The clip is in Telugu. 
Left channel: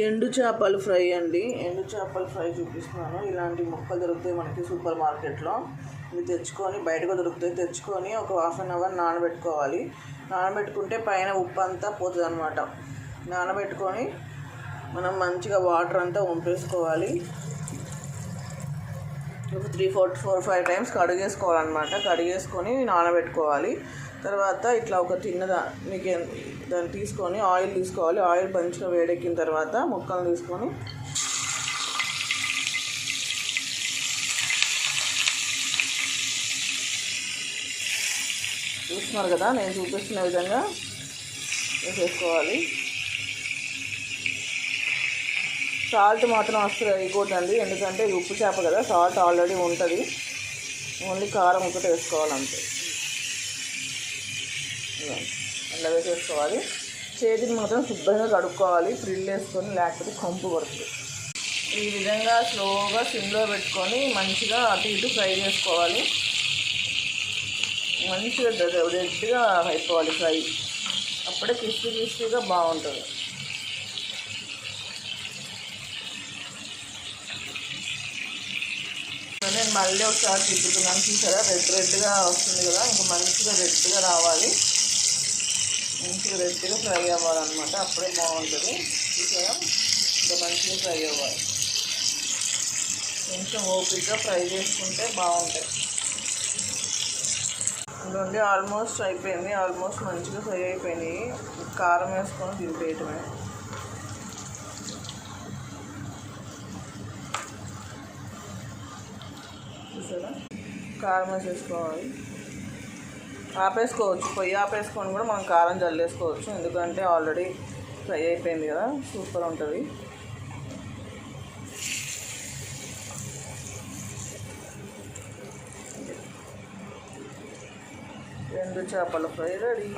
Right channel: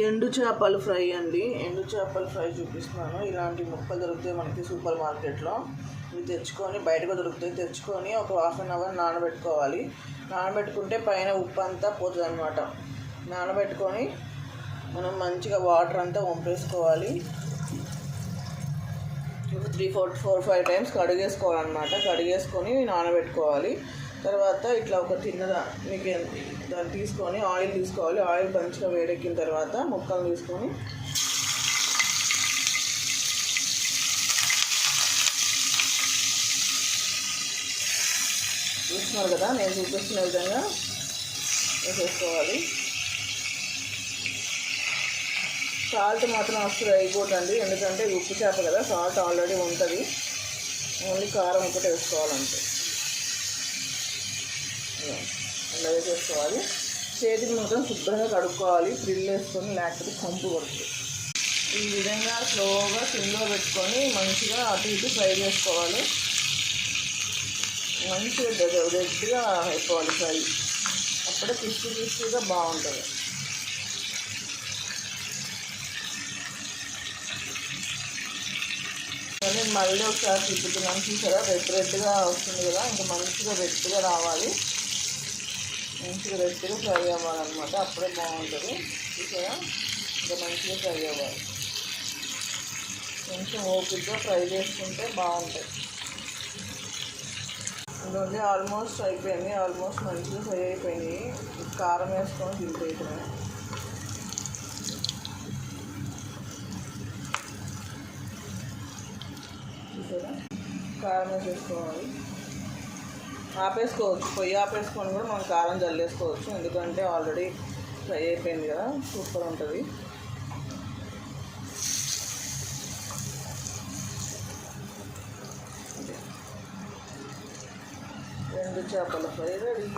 ఎండు చేపల ఫ్రై అండి. ఎండు చేపల ఫ్రై చూపిస్తున్నాను. ఇలాంటి ముక్కలు దొరుకుతాయి మనకి సూపర్ మార్కెట్లో. ఇవి తెచ్చుకొని, బయటకు దొరుకుతాయి, తెచ్చుకొని ఒక హాఫ్ అన్ అవర్ నానబెట్టుకోవాలి. నానబెట్టుకుంటే పైన ఉప్పు అంతా పోతుంది అనమాట. నానబెట్టుకొని మనం మంచిగా వాటర్ అంతా వంపేసుకోవాలి. ఒక 3-4-5 టైమ్స్ కడిగేసుకోవాలన్నమాట. కడిగేసుకొని నానబెట్టుకోవాలి. తర్వాత ఇట్లా ఒక మీకు దాన్ని తీసుకొని ఆయిల్ తీసుకోవాలి. ఆయిల్ మంచిగా వేడెక్కిన తర్వాత ముక్కలు తీసుకొని చూస్తున్నారు కదా, నేను చూపిస్తున్న విధంగా వేసేసుకోవాలి. సాల్ట్ మాత్రం అసలు వేయకూడదండి, ఎందుకంటే ఉప్పు చేప కదా, సాల్ట్ ఆల్రెడీ ఉంటుంది. ఓన్లీ కారం ఒకటి వేసుకోవాలంతే. అలా వేసేసుకోవాలి. చేతిని మాత్రం శుభ్రంగా కడుక్కోవాలి, ఫ్రిల్ వేసుకొని, లేకపోతే కంపు పడుతుంది. ఈ విధంగా స్లోగా సిమ్లో పెట్టుకొని మంచిగా అటు ఇటు ఫ్రై చేసుకోవాలి. మంచిగా రెడ్గా అయిపోవాలి ఫ్రై. అప్పుడే క్రిస్పీగా బాగుంటుంది. నేను మళ్ళీ ఒకసారి తిప్పుతున్నాను, చూసారా రెడ్గా వస్తుంది కదా, ఇంకా మంచిగా రెడ్గా రావాలి. మంచిగా రెడ్గా ఫ్రై అవ్వాలన్నమాట, అప్పుడే బాగుంటుంది. చూసారా, ఇంకా మంచిగా ఫ్రై అవ్వాలి. కొంచెం ఓపికగా ఫ్రై చేసుకుంటే బాగుంటుంది. ఇదిగోండి, ఆల్మోస్ట్ అయిపోయింది. ఆల్మోస్ట్ మంచిగా ఫ్రై అయిపోయినాయి. కారం వేసుకొని తింపేయటమే. చూసారా, కారం వేసేసుకోవాలి. ఆపేసుకోవచ్చు, పొయ్యి ఆపేసుకొని కూడా మనం కారం జల్లేసుకోవచ్చు, ఎందుకంటే ఆల్రెడీ ఫ్రై అయిపోయింది కదా, సూపర్ ఉంటుంది. ఎండు చేపల ఫ్రై రెడీ.